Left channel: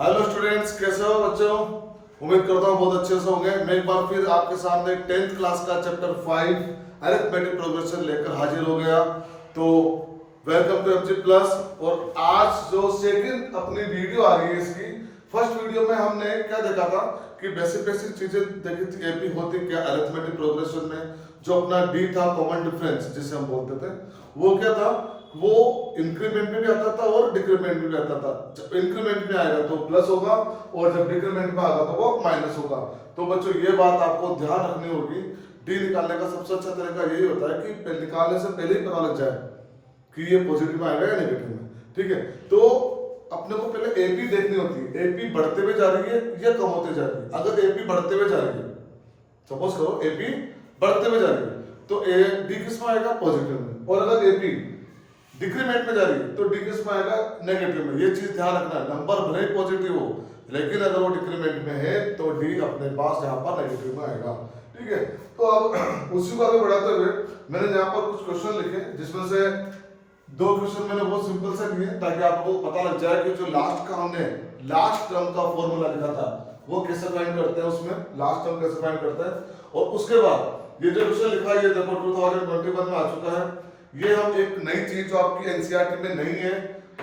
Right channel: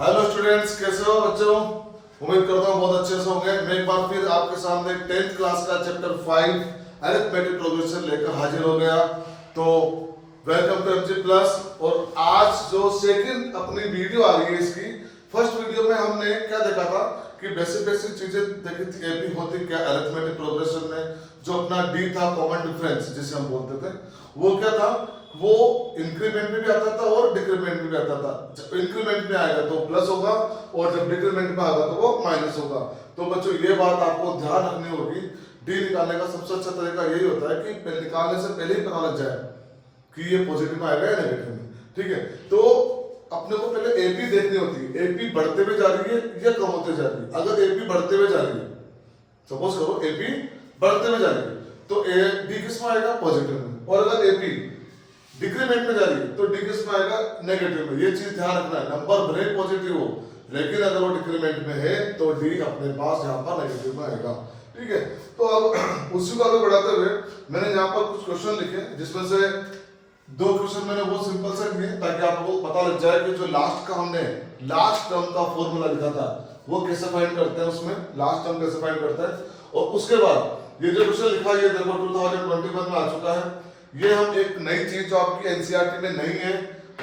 Hello students, कैसे हो बच्चों? उम्मीद करता हूँ बहुत अच्छे से होंगे। मैं एक बार फिर आपके सामने 10th क्लास का चैप्टर 5 अरिथमेटिक प्रोग्रेशन लेकर हाजिर हो गया। तो वेलकम टू एमजी प्लस। और आज जो सेकंड अपनी वीडियो आ रही है, इसकी फर्स्ट वीडियो में हमने क्या देखा था कि बेसिक बेसिक चीजें देखी थी। एपी होती क्या अरिथमेटिक प्रोग्रेशन में, जो अपना डी था कॉमन डिफरेंस जिसे हम बोलते थे, वो क्या था, वो इंक्रीमेंट में भी आता था और डिक्रीमेंट में भी आता था। जब इंक्रीमेंट में आएगा तो प्लस होगा और जब डिक्रीमेंट में आएगा तो वो माइनस होगा। तो बच्चों ये बात आपको ध्यान रखनी होगी। डी निकालने का सबसे अच्छा तरीका यही होता है कि निकालने से पहले ही पता लग जाए कि ये पॉजिटिव में आएगा या नेगेटिव में। ठीक है, तो अपने को पहले एपी देखनी होती है। एपी बढ़ते हुए जा रही है या कम होते जा रही है। अगर एपी बढ़ते हुए जा रही है, सपोज करो एपी बढ़ते हुए जा रही है, तो ए डी किस में आएगा? पॉजिटिव में। और अगर एपी डिक्रीमेंट में जा रही है तो डी किस में आएगा? नेगेटिव में। ये चीज ध्यान रखना है। नंबर भले पॉजिटिव हो, लेकिन अगर वो डिक्रीमेंट में है तो डी अपने पास यहाँ पर नेगेटिव में आएगा। ठीक है, तो अब उसी को आगे बढ़ाते हुए मैंने यहाँ पर कुछ क्वेश्चन लिखे, जिसमें से दो क्वेश्चन मैंने बहुत सिंपल से लिए ताकि आपको पता लग जाए कि जो लास्ट का हमने लास्ट टर्म का फॉर्मूला लिखा था वो कैसे फाइंड करते हैं, उसमें लास्ट टर्म कैसे फाइंड करते हैं। और उसके बाद ये जो क्वेश्चन लिखा है ये देखो 2021 में आ चुका है। ये हम एक नई चीज जो आपकी एनसीईआरटी में नहीं है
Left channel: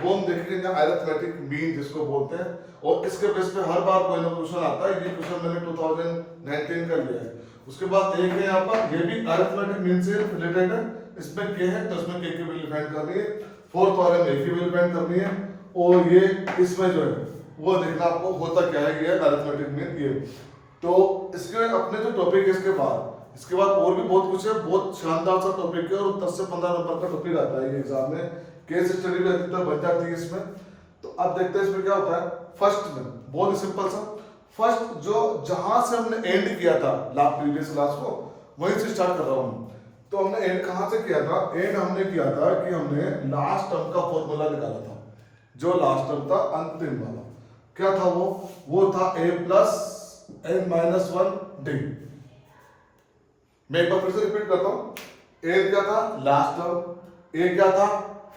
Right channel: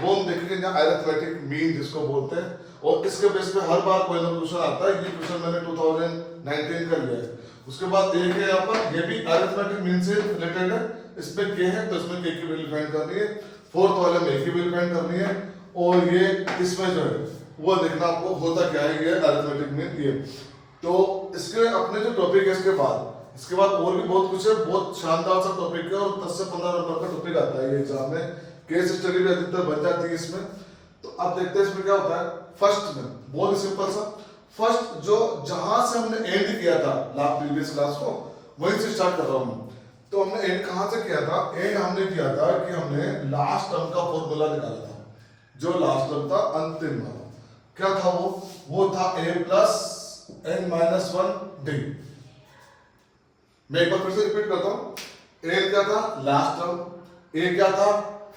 वो हम देखेंगे, अरिथमेटिक मीन जिसको बोलते हैं। और इसके बेस पे हर बार कोई ना क्वेश्चन आता है। ये क्वेश्चन मैंने 2019 का लिया है। उसके बाद एक है यहाँ पर, ये भी अरिथमेटिक मीन से रिलेटेड है। इसमें के है तो इसमें के की वैल्यू फाइंड करनी है। फोर्थ वाले में की वैल्यू फाइंड करनी है। और ये इसमें जो है वो देखना आपको होता क्या है, ये अरिथमेटिक मीन ये। तो इसके अपने जो टॉपिक है इसके बाद और भी बहुत कुछ है। बहुत शानदार सा टॉपिक है और 10 से 15 नंबर का टॉपिक आता है ये एग्जाम में। केस स्टडी भी अधिकतर बन जाती है इसमें। तो अब देखते हैं इसमें क्या होता है। फर्स्ट में बहुत ही सिंपल सा, फर्स्ट जो जहां से हमने एंड किया था लास्ट प्रीवियस क्लास को, वहीं से स्टार्ट कर रहा हूं। तो हमने एंड कहां से किया था? एंड हमने किया था कि हमने लास्ट टर्म का फॉर्मूला निकाला था। जो लास्ट टर्म था अंतिम वाला, क्या था वो था a plus n minus 1 D. मैं एक बार फिर से रिपीट करता हूं। ए क्या था? Last term. ए क्या था?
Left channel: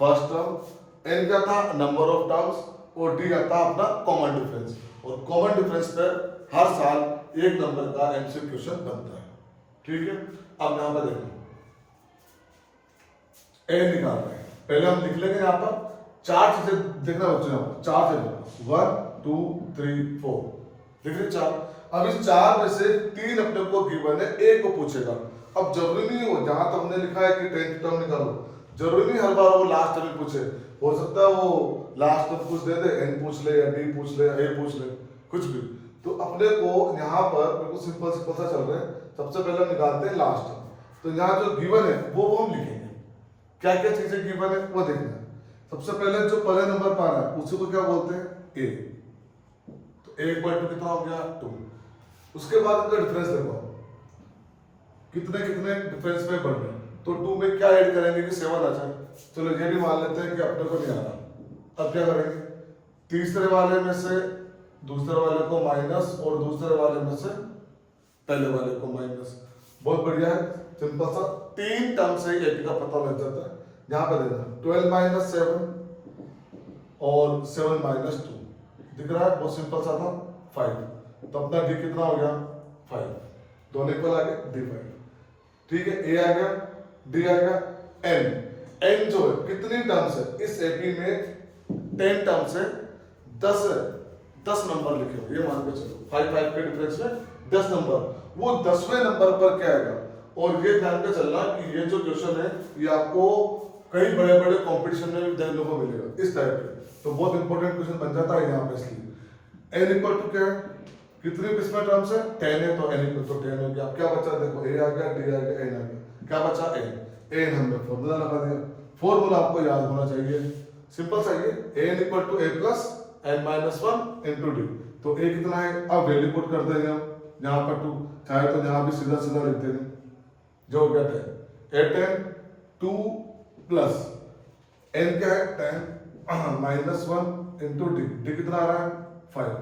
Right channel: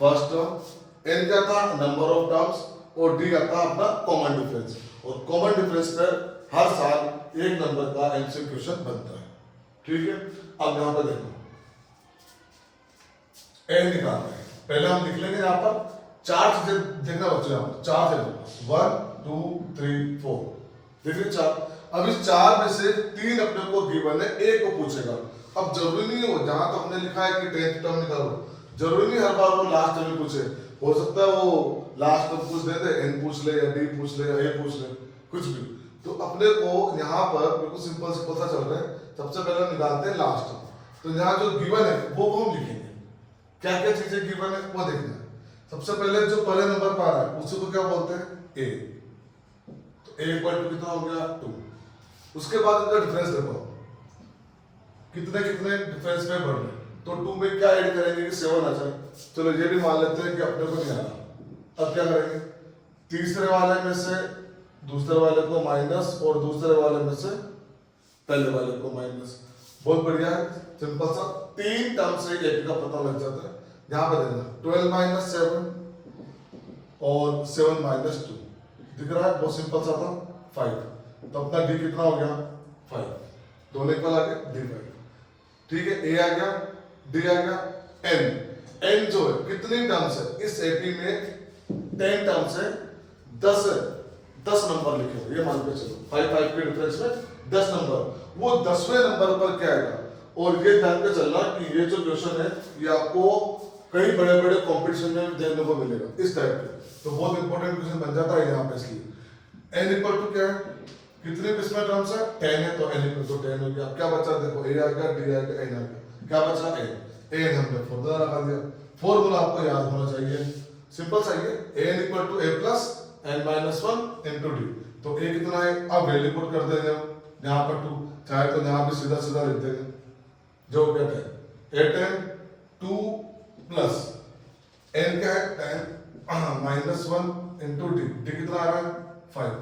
First term. एन क्या था? Number of terms. और डी आता अपना कॉमन डिफरेंस। और कॉमन डिफरेंस पर हर साल एक नंबर का एमसीक्यू क्वेश्चन बनता है। ठीक है, अब यहां पर देखो ए निकालना है। पहले हम लिख लेंगे यहां पर चार चीजें देखना बच्चों, यहां पर चार चीजें 1 2 3 4 देख रहे चार। अब इस चार में से तीन अपने को गिवन है, एक को पूछेगा। अब जरूरी नहीं हो जहां तो हमने लिखा है कि 10th टर्म निकालो, जरूरी नहीं हर बार वो लास्ट टर्म पूछे। हो सकता है वो लास्ट टर्म कुछ दे दे, एन पूछ ले या डी पूछ ले या ए पूछ ले, कुछ भी। तो अपने को यहाँ पर बिल्कुल सिंपल सा चल रहा है। सबसे पहले हम निकालते हैं लास्ट टर्म। तो यहाँ जो गिवन है वो हम लिखेंगे। क्या क्या चीजें गिवन है वो देखना है। सबसे पहले जो पहले नंबर पर आ रहा है उसी को क्या बोलते हैं? ए। तो ए इक्वल टू कितना हो गया? 2। उसके बाद इनका डिफरेंस देखो, कितने कितने डिफरेंस में बढ़ रहे हैं। तो 2 में क्या ऐड करेंगे कि 7 आ जाए। चलो ये भी मान लेते हैं कि अपने को नहीं आ रहा। अब क्या करेंगे? तीसरे वाले में से दूसरे वाले को माइनस और दूसरे वाले में से पहले वाले को माइनस। बहुत बढ़िया है, सिंपल सा। 3 टर्म से एक का पता लग जाता है। यहां पर देखना 12 माइनस 7 और 7 माइनस 2 दिख रहा है। बहुत सिंपल सा था 5। तो अपना डी कितना हो गया? 5। दोनों इक्वल आ गए, डी 5। ठीक है, ए आ गया, डी आ गया। एन जो है कितनी टर्म्स है इस एपी में? 10 टर्म से 10 नंबर लिखे हो, ये मान के चलो 5 के डिफरेंस में 10 नंबर। वो 10वें नंबर पर क्या आएगा? और ये ध्यान के चलना कि ये जो क्वेश्चन है ये आपको कई बड़े बड़े कॉम्पिटिशन में देखने को मिलेगा इस टाइप के। तो बहुत इंपॉर्टेंट क्वेश्चन बन जाता है यहाँ पे। इसलिए एन इक्वल टू क्या है? कितनी किस्में टर्म्स है? 10 है, तो एन इक्वल टू 10 हो गया। अब क्या बचा? देखो ए आ गया, डी आ गया, एन आ गया। क्या बचा? एन हमने फॉर्मूला लगा दिया। फॉर्मूला आपको याद होना चाहिए, सिंपल सा ये N equal to A plus N minus 1 into D. तो ए कितना है? अब वैल्यू पुट कर देंगे हम यहाँ पर 2, चाहे तो यहाँ भी सीधा सीधा लिख देंगे जो हो गया 10। 10 2 प्लस एन क्या है? 10 माइनस 1 इंटू डी। डी कितना आ रहा है? 5।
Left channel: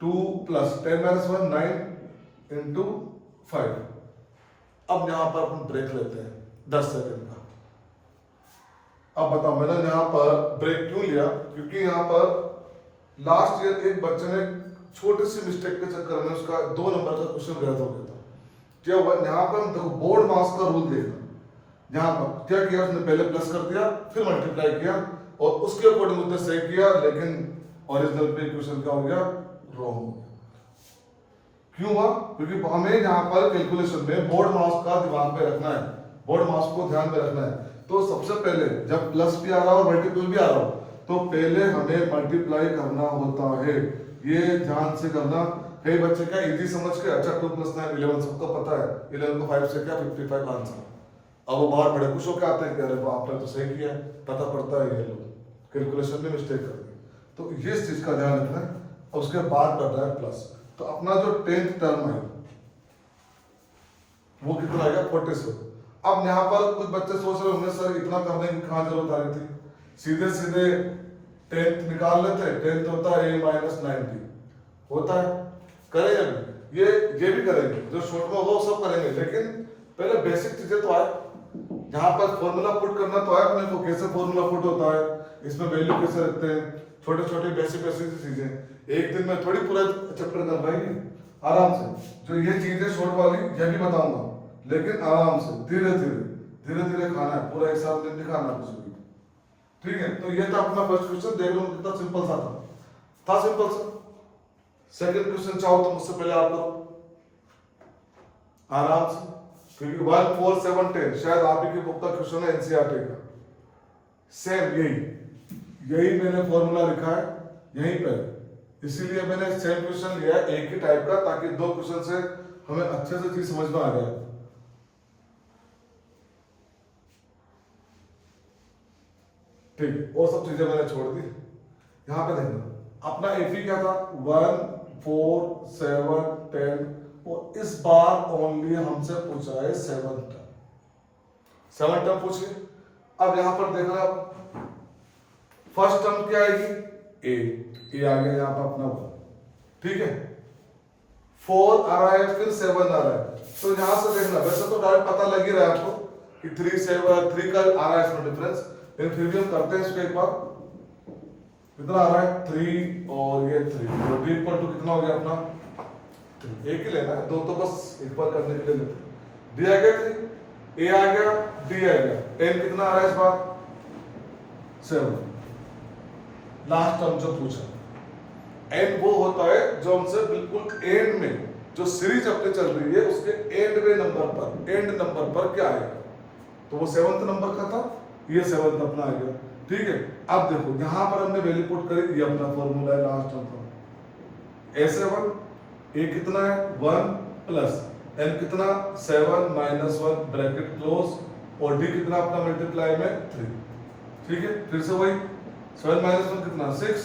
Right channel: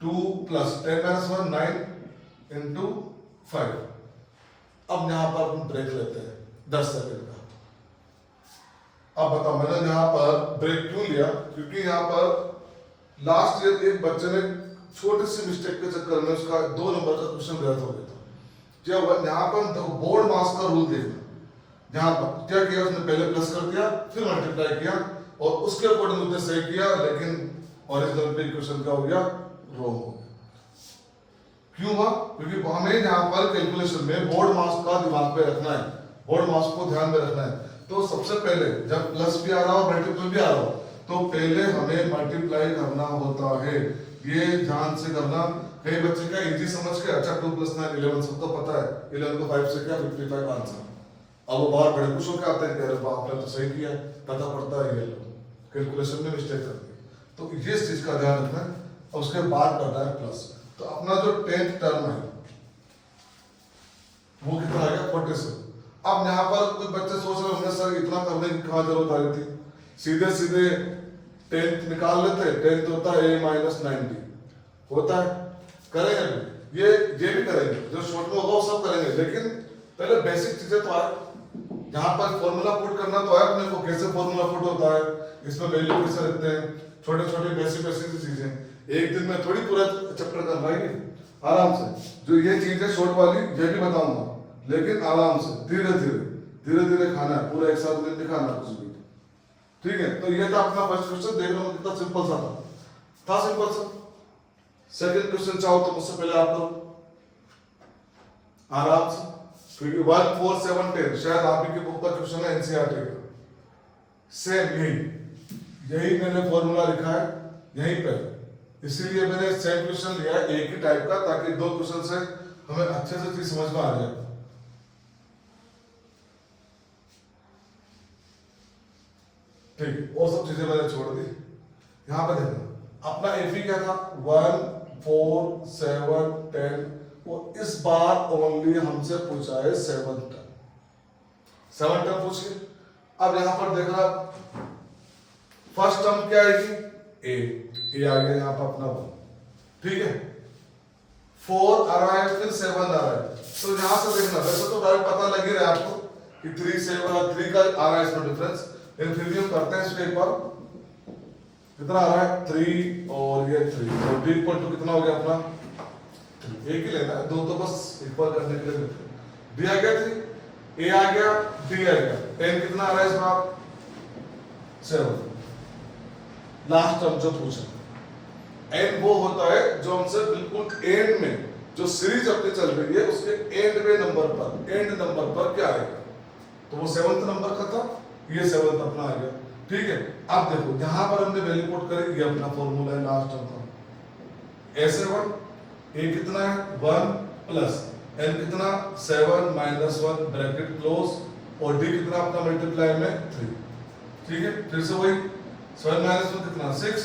2 प्लस 10 माइनस 1 9 इंटू 5। अब यहां पर अपन ब्रेक लेते हैं 10 सेकंड का। अब बताओ मैंने यहां पर ब्रेक क्यों लिया? क्योंकि यहां पर लास्ट ईयर एक बच्चे ने छोटी सी मिस्टेक के चक्कर में उसका 2 नंबर का क्वेश्चन गलत हो गया था। क्या हुआ यहाँ पर हम देखो बोर्ड मास का रूल देखना, यहाँ पर क्या किया उसने पहले प्लस कर दिया फिर मल्टीप्लाई किया और उसके अकॉर्डिंग उसने सही किया, लेकिन ओरिजिनल पे इक्वेशन का हो गया रॉन्ग हो गया। क्यों हुआ? क्योंकि हमें यहाँ पर कैलकुलेशन में बोर्ड मास का दिमाग पे रखना है, बोर्ड मास को ध्यान में रखना है। तो सबसे पहले जब प्लस भी आ रहा हो मल्टीपल भी आ रहा हो तो पहले हमें मल्टीप्लाई करना होता है, ये ध्यान से करना। कई बच्चे क्या इजी समझ के अच्छा 2 + 9 11 सबको पता है, 11 को 5 से क्या 55 आंसर। अब वो बाहर बड़े खुश होकर आते हैं कि अरे आपने तो सही किया है, पता पड़ता है ये लोग कैलकुलेशन में मिस्टेक करते हैं। तो ये चीज का ध्यान रखना है और उसके बाद करना है प्लस। तो अपना जो 10th टर्म है वो कितना आ गया 47। अब यहाँ पर कुछ बच्चे सोच रहे होंगे सर इतना करने की कहाँ जरूरत आ रही थी, सीधे सीधे 10th निकाल लेते। 10th होता है a - 90 होता है, करेंगे ये भी करेंगे, जो शॉर्ट में होगा वो सब करेंगे, लेकिन पहले बेसिक चीजें तो आए। यहाँ पर फॉर्मूला पुट करना तो है अपने को, कैसे फॉर्मूला पुट होता है, इसमें वैल्यू कैसे रखते हैं, छोटे छोटे बेसिक चीजें। एक दिन में थोड़ी पूरा चैप्टर कर पाएंगे, आराम से जो ये चीज है शॉर्ट वाली ये भी बताऊंगा, लेकिन आराम से धीरे धीरे खाना है, पूरा एक साथ दिन नहीं खाना कुछ भी। ठीक है, तो ये था अपना फर्स्ट क्वेश्चन, देख लो कितना सिंपल सा था सिंपल सा। सेकंड क्वेश्चन चाहो तो मुझसे पहले आप लोग आराम से, क्योंकि 1 4 7 10 शायद आप ही की बुक का क्वेश्चन है एनसीईआरटी का, सेम यही मैंने फॉर्मूला लिखा है यहीं पे, इसीलिए मैंने सेम क्वेश्चन लिया एक ही टाइप का, ताकि 2 क्वेश्चन से हमें अच्छे से चीज समझ में आ जाए। ठीक है, और सब चीजें मैंने छोड़ दी। यहां पे देखना अपना एपी क्या था 1 4 7 10, और इस बार ओनली हमसे पूछा है 7 टर्म पूछिए। अब यहां पर देखना फर्स्ट टर्म क्या आएगी ए आ गया यहाँ पर अपना 1, ठीक है, 4 आ रहा है फिर 7 आ रहा है, तो यहां से देखना वैसे तो डायरेक्ट पता लग ही रहा है आपको कि 3 7 3 का आ रहा है इसमें डिफरेंस, लेकिन फिर भी हम करते हैं इसको एक बार। कितना आ रहा है 3 और ये 3, तो d = कितना हो गया अपना 3, एक ही लेना है, 2 तो बस एक बार करने के लिए। d आ गया 3, a आ गया d आ गया, 10 कितना आ रहा है इस बार 7। लास्ट टर्म जो पूछा एंड वो होता है जो हमसे बिल्कुल एंड में, जो सीरीज अपनी चल रही है उसके एंड नंबर पर क्या आएगा, तो वो 7th नंबर का था, ये 7th अपना आ गया। ठीक है, अब देखो यहां पर हमने वैल्यू पुट करी, ये अपना फॉर्मूला है लास्ट टर्म का, a7 a कितना है 1 प्लस n कितना 7 - 1 ब्रैकेट क्लोज, और d कितना अपना मल्टीप्लाई में 3। ठीक है, फिर से वही 7 - 1 कितना 6,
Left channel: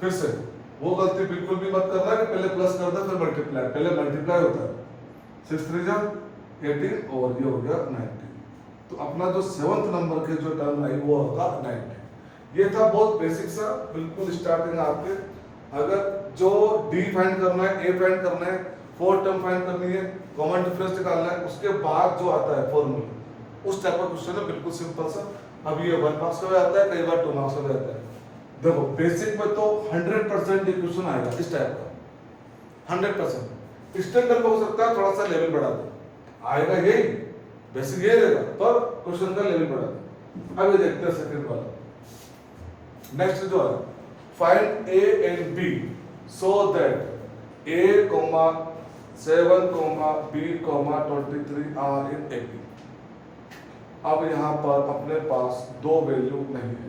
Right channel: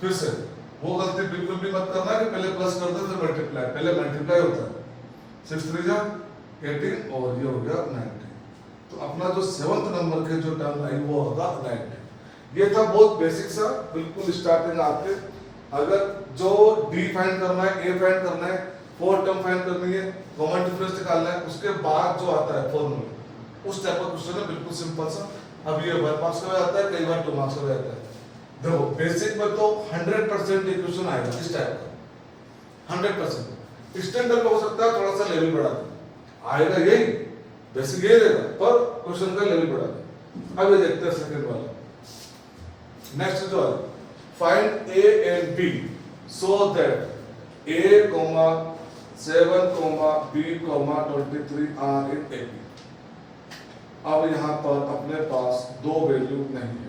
फिर से वो गलती बिल्कुल भी मत करना कि पहले प्लस करना फिर मल्टीप्लाई, पहले मल्टीप्लाई होता है, 6 3 जा 18 और ये हो गया 90। तो अपना जो 7th नंबर के जो टर्म आई वो होगा 90। ये था बहुत बेसिक सा, बिल्कुल स्टार्टिंग आपके। अगर जो डी फाइंड करना है, ए फाइंड करना है, 4th टर्म फाइंड करनी है, कॉमन डिफरेंस निकालना है, उसके बाद जो आता है फॉर्मूला उस टाइप का क्वेश्चन है, बिल्कुल सिंपल सा। अब ये 1 मार्क्स का भी आता है, कई बार 2 मार्क्स का भी आता है। देखो बेसिक में तो 100% इक्वेशन आएगा इस टाइप का, 100%। स्टैंडर्ड में हो सकता है थोड़ा सा लेवल बढ़ा दे, आएगा यही बेसिक यही रहेगा, पर क्वेश्चन का लेवल बढ़ा दे। अब ये देखते हैं सेकंड वाला। नेक्स्ट जो है find A and B so that a, 7, b, 23 are in A B. अब यहां पर अपने पास 2 वैल्यू नहीं है,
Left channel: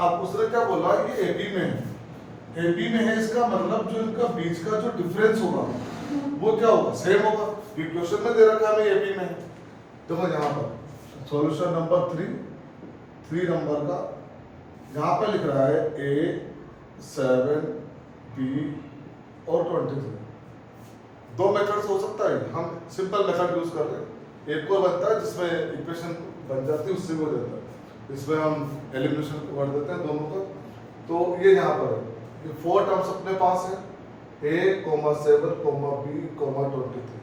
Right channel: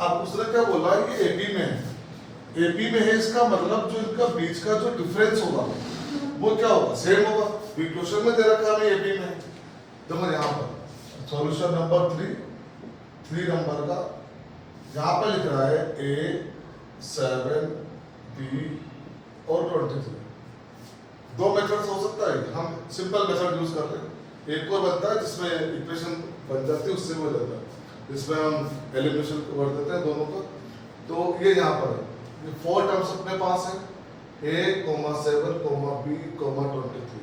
अब उसने क्या बोला ये एपी में है, एपी में है, इसका मतलब जो इनका बीच का जो डिफरेंस होगा वो क्या होगा, सेम होगा। क्वेश्चन में दे रखा है एपी में, देखो यहाँ पर सॉल्यूशन नंबर 3 नंबर का यहाँ पे लिख रहा है a 7 b और 23। 2 मेथड हो सकता है, हम सिंपल मेथड यूज कर रहे हैं, एक और बनता है जिसमें इक्वेशन बन जाती है, उससे भी हो जाता है। इसमें हम एलिमिनेशन कर देते हैं दोनों को। तो ये यहाँ पर है, ये 4 टर्म्स अपने पास है, a, 7, b, 23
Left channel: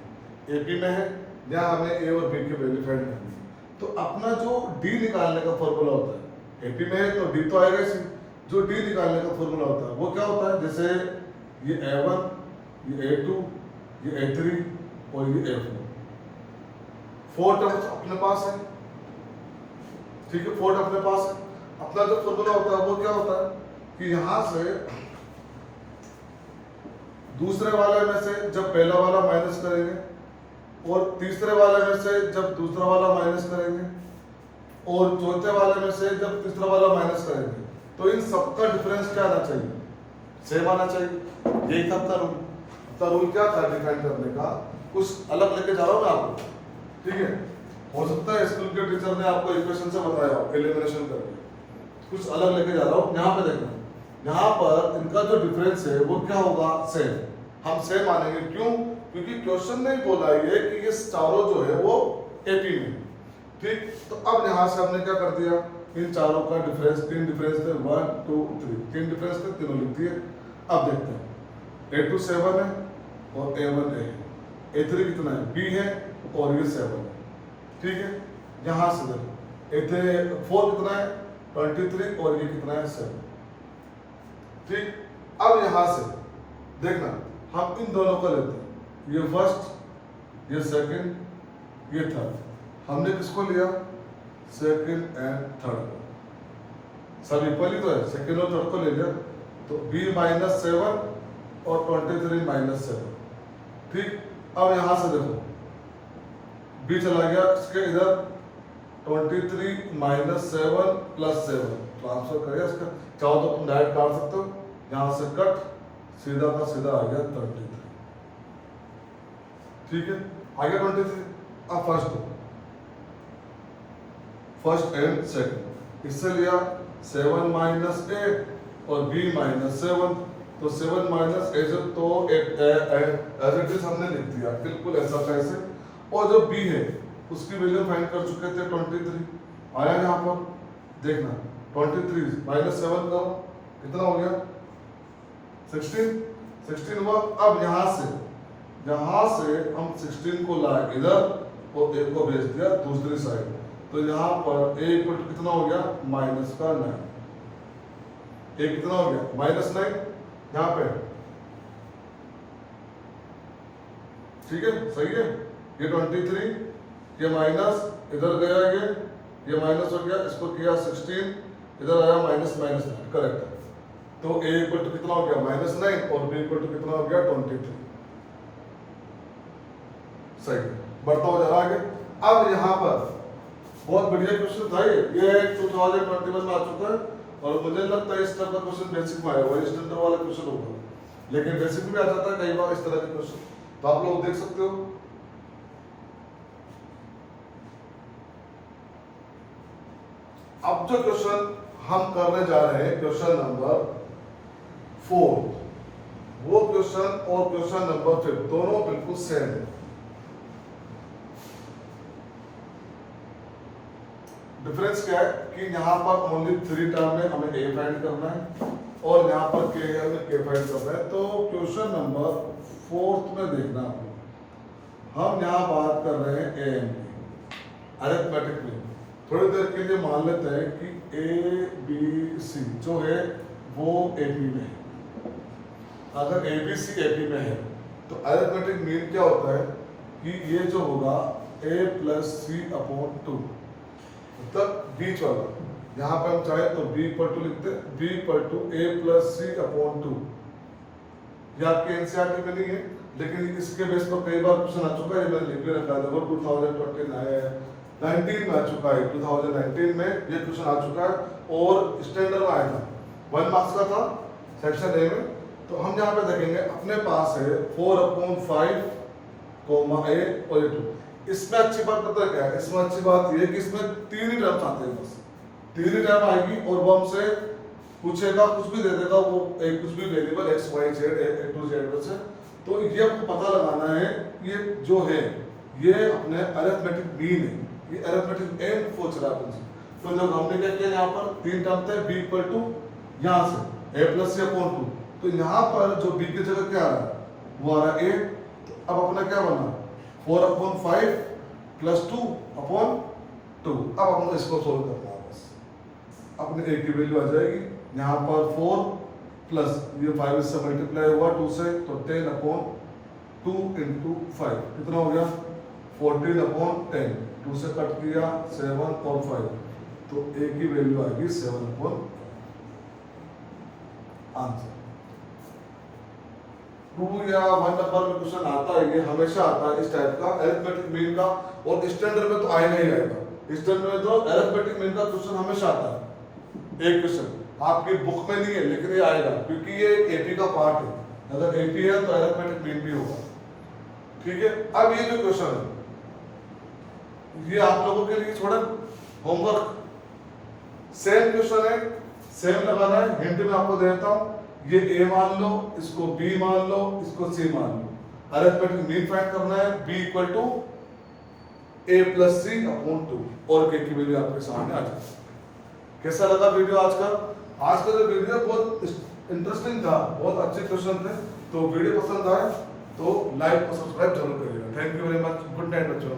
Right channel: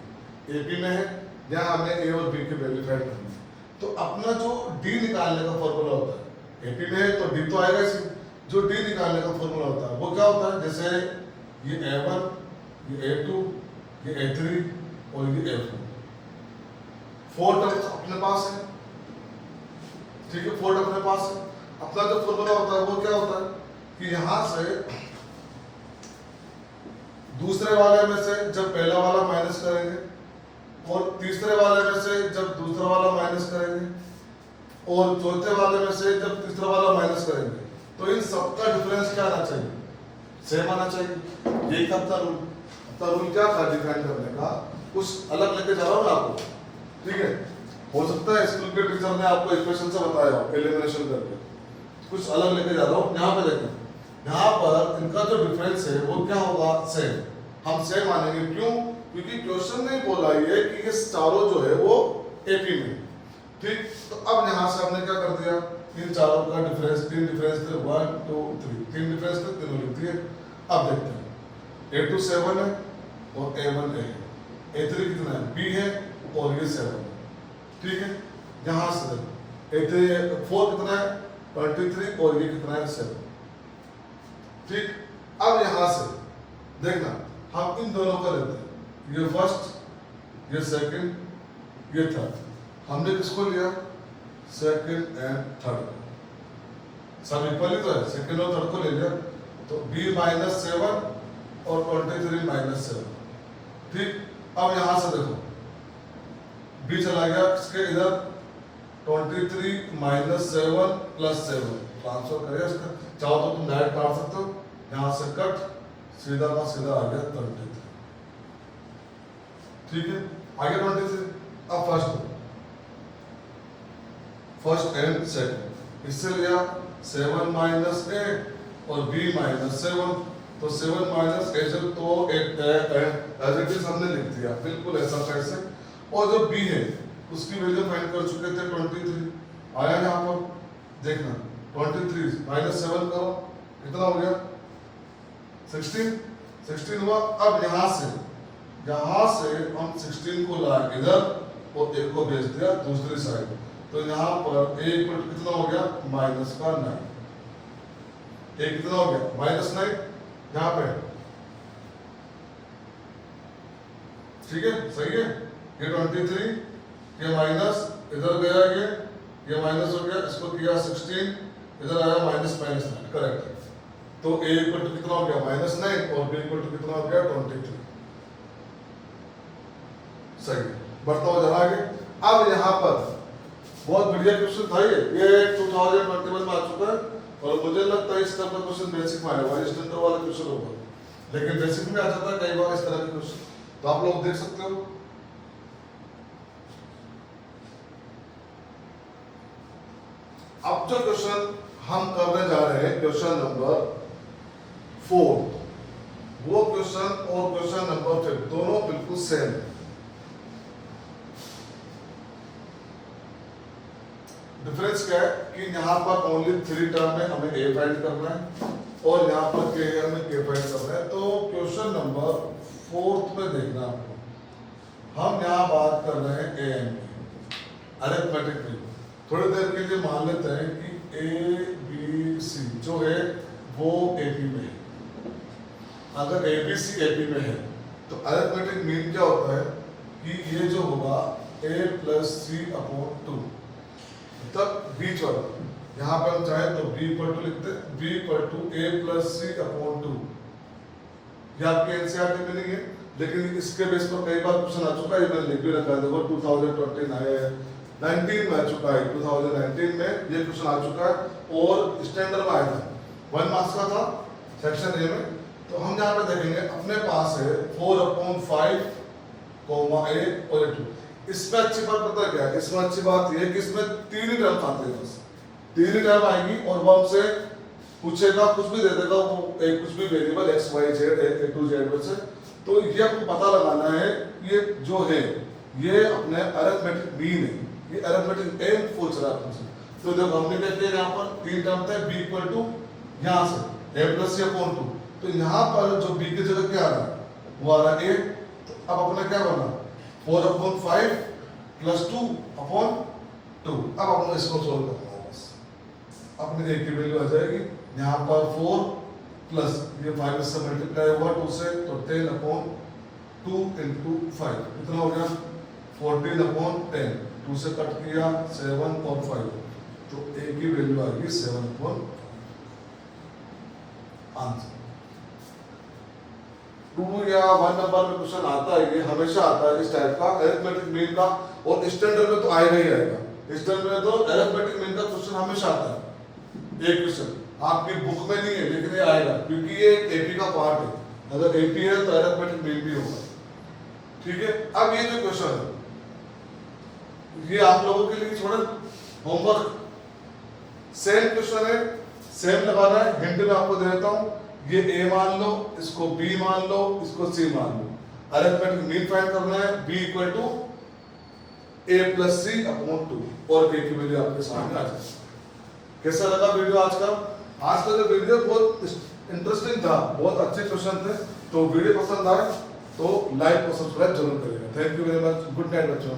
एपी में है। यहाँ हमें a और b की वैल्यू फाइंड करनी है। तो अपना जो d निकालने का फॉर्मूला होता है, एपी में है तो d तो आएगा इसी, जो d निकालने का फॉर्मूला होता है वो क्या होता है, जैसे ये a1, ये a2, ये a3 और ये a4, 4 टर्म्स अपने पास है, ठीक है, 4 अपने पास है। अपना जो फॉर्मूला होता है वो क्या होता है कि यहां से दूसरे वाले में से जब पहला वाला माइनस करेंगे और तीसरे वाले में से जब दूसरा वाला माइनस करेंगे और चौथे वाले में से जब तीसरा वाला माइनस करेंगे, तो इन सबका डिफरेंस क्या आना चाहिए, सेम आना चाहिए। ये था अपना रूल। अपना रूल क्या था डिफाइन करने का, कुछ अलग लेके जा रहा हूं मैं आपको, ठीक है। हो सकता है स्कूल के टीचर ने आपको इक्वेशन से बताया एलिमिनेशन करके, कुछ अलग लेके जा रहा हूं। यहाँ पे देखें, यहाँ पर इनका जो डिफरेंस है वो क्या होगा, सेम। हम सेम मानेंगे, क्यों, क्योंकि क्वेश्चन नहीं बोला ये कि ये चारों जो है वो एपी में, ठीक। तो अब यहाँ से हमने क्या कर दिया, इन चारों का डिफरेंस, 3 डिफरेंस थे, 1 2 3, 3 डिफरेंस थे, तीनों लिख दिए। अब देखते हैं, a2 7 है और a1 है, a3 कितना है, b है और ये 7 है, ठीक है। यहाँ से देखो a3 4 कितना है, 23 और ये कितना है, 7, ठीक। अब यहाँ से देखना, हम इन दोनों का लेते हैं, ये फर्स्ट, ये सेकंड, ये थर्ड। हमने किसको लिया, सेकंड एंड थर्ड, सब इक्वली तो है, सेकंड और थर्ड को ले लिया। तो b -7 और 23 -7, ठीक। अब यहां से देखो b चला गया इसके इधर, 23 -7 + 7 ट्रांसफर करें इसका, चाहो तो तुम डायरेक्ट काट सकते हो, यहां से कट, सीधा का सीधा आ गया 33, ठीक है, आ गया 23। अब फर्स्ट एंड सेकंड, इससे लिया 7 - 8 और b -7, तो 7 - 8 तो एज इट इज हमने लिख दिया बिल्कुल ऐसा कैसे। और जो b है उसकी वैल्यू फाइंड कर चुके थे 23, आया यहाँ पर देखना, 23 -7 करो, कितना हो गया, 16 हुआ। अब यहाँ से हम 16 को लाए इधर और एक को भेज दिया दूसरी साइड, तो यहाँ पर एक पर कितना हो गया, -9, एक कितना हो गया, -9 यहाँ पे, ठीक है, सही है। ये 23, ये माइनस इधर गया, ये माइनस हो गया, इसको किया 16, इधर आया -9, करेक्ट है। तो a इक्वल टू कितना हो गया, -9 और b इक्वल टू कितना हो गया, 23, सही है। बढ़ता हो जरा आगे। अब यहाँ पर बहुत बढ़िया क्वेश्चन था ये 2021 में आ चुका है और मुझे लगता है इस तरह का क्वेश्चन बेसिक में आएगा, स्टैंडर्ड वाला क्वेश्चन होगा, लेकिन बेसिक में आ जाता है कई बार इस तरह के क्वेश्चन, तो आप लोग देख सकते हो। अब जो क्वेश्चन हम करने जा रहे हैं, क्वेश्चन नंबर 4, वो क्वेश्चन और क्वेश्चन नंबर 5 दोनों बिल्कुल सेम है। डिफरेंस क्या है कि यहाँ पर ओनली 3 टर्म में हमें a फाइंड करना है और यहाँ पर k में k फाइंड करना है। तो क्वेश्चन नंबर 4 में देखना आपको, हम यहाँ बात कर रहे हैं am की, अरिथमेटिक में। थोड़ी देर के लिए मान लेते हैं कि a b c जो है वो AP में है। अगर ABC AP में है तो अरिथमेटिक मीन क्या होता है कि ये जो होगा a + c/2, तब बीच वाला, यहाँ पे हम चाहे तो b = लिखते, b = a + c/2। ये आपके एनसीईआरटी में नहीं है, लेकिन इसके बेस पर कई बार क्वेश्चन आ चुका है, मैंने लिख भी रखा है। देखो 2020 आया है, 19 में आ चुका है, 2019 में ये क्वेश्चन आ चुका है और स्टैंडर्ड में आया था, 1 मार्क्स का था सेक्शन ए में। तो हम यहाँ पे देखेंगे अपने पास है 4/5, a और a2। इसमें अच्छी बात पता है क्या है, इसमें अच्छी बात ये है कि इसमें 3 ही टर्म आते हैं, बस 3 ही टर्म आएगी और वो हमसे पूछेगा, कुछ भी दे देगा, वो एक कुछ भी variable x y z a to z में से। तो ये आपको पता लगाना है, ये जो है ये अपने अरिथमेटिक मीन है, ये अरिथमेटिक एम पूछ रहा है तुमसे। तो तो जब हमने क्या किया यहाँ पर 3 टर्म थे b इक्वल टू यहाँ से a प्लस c अपॉन 2, तो यहाँ पर जो b की जगह क्या आ रहा है वो आ रहा है a। तो अब अपना क्या बना 4 अपॉन 5 प्लस 2 अपॉन 2। अब अपना इसको सोल्व करना है बस, अपने a की वैल्यू आ जाएगी यहाँ पर 4 प्लस ये 5 से मल्टीप्लाई हुआ 2 से, तो 10 अपॉन 2 इंटू 5 कितना हो गया 14 अपॉन 10, 2 से कट किया 7 और 5, तो a की वैल्यू आएगी 7 अपॉन आंसर। 2 या 1 नंबर में क्वेश्चन आता है, ये हमेशा आता है इस टाइप का अरिथमेटिक मीन का, और स्टैंडर्ड में तो आएगा ही आएगा। स्टैंडर्ड में तो अरिथमेटिक मीन का क्वेश्चन हमेशा आता है, एक क्वेश्चन आपकी बुक में नहीं है लेकिन ये आएगा, क्योंकि ये एपी का पार्ट है। अगर एपी है तो अरिथमेटिक मीन भी होगा, ठीक है। अब ये जो क्वेश्चन है ये आप लोगों के लिए थोड़ा होमवर्क, सेम क्वेश्चन है, सेम लगाना है। हिंट में आपको दे देता हूं, ये a मान लो, इसको b मान लो, इसको c मान लो। अरिथमेटिक मीन फाइंड करना है, b equal to a plus c upon 2, और k की वैल्यू आपके सामने आ जाएगी। कैसा लगा वीडियो आज का? आज का जो वीडियो बहुत इंटरेस्टिंग था, बहुत अच्छे क्वेश्चन थे। तो वीडियो पसंद आए तो लाइक और सब्सक्राइब जरूर करिएगा। Thank you very much, good night बच्चों।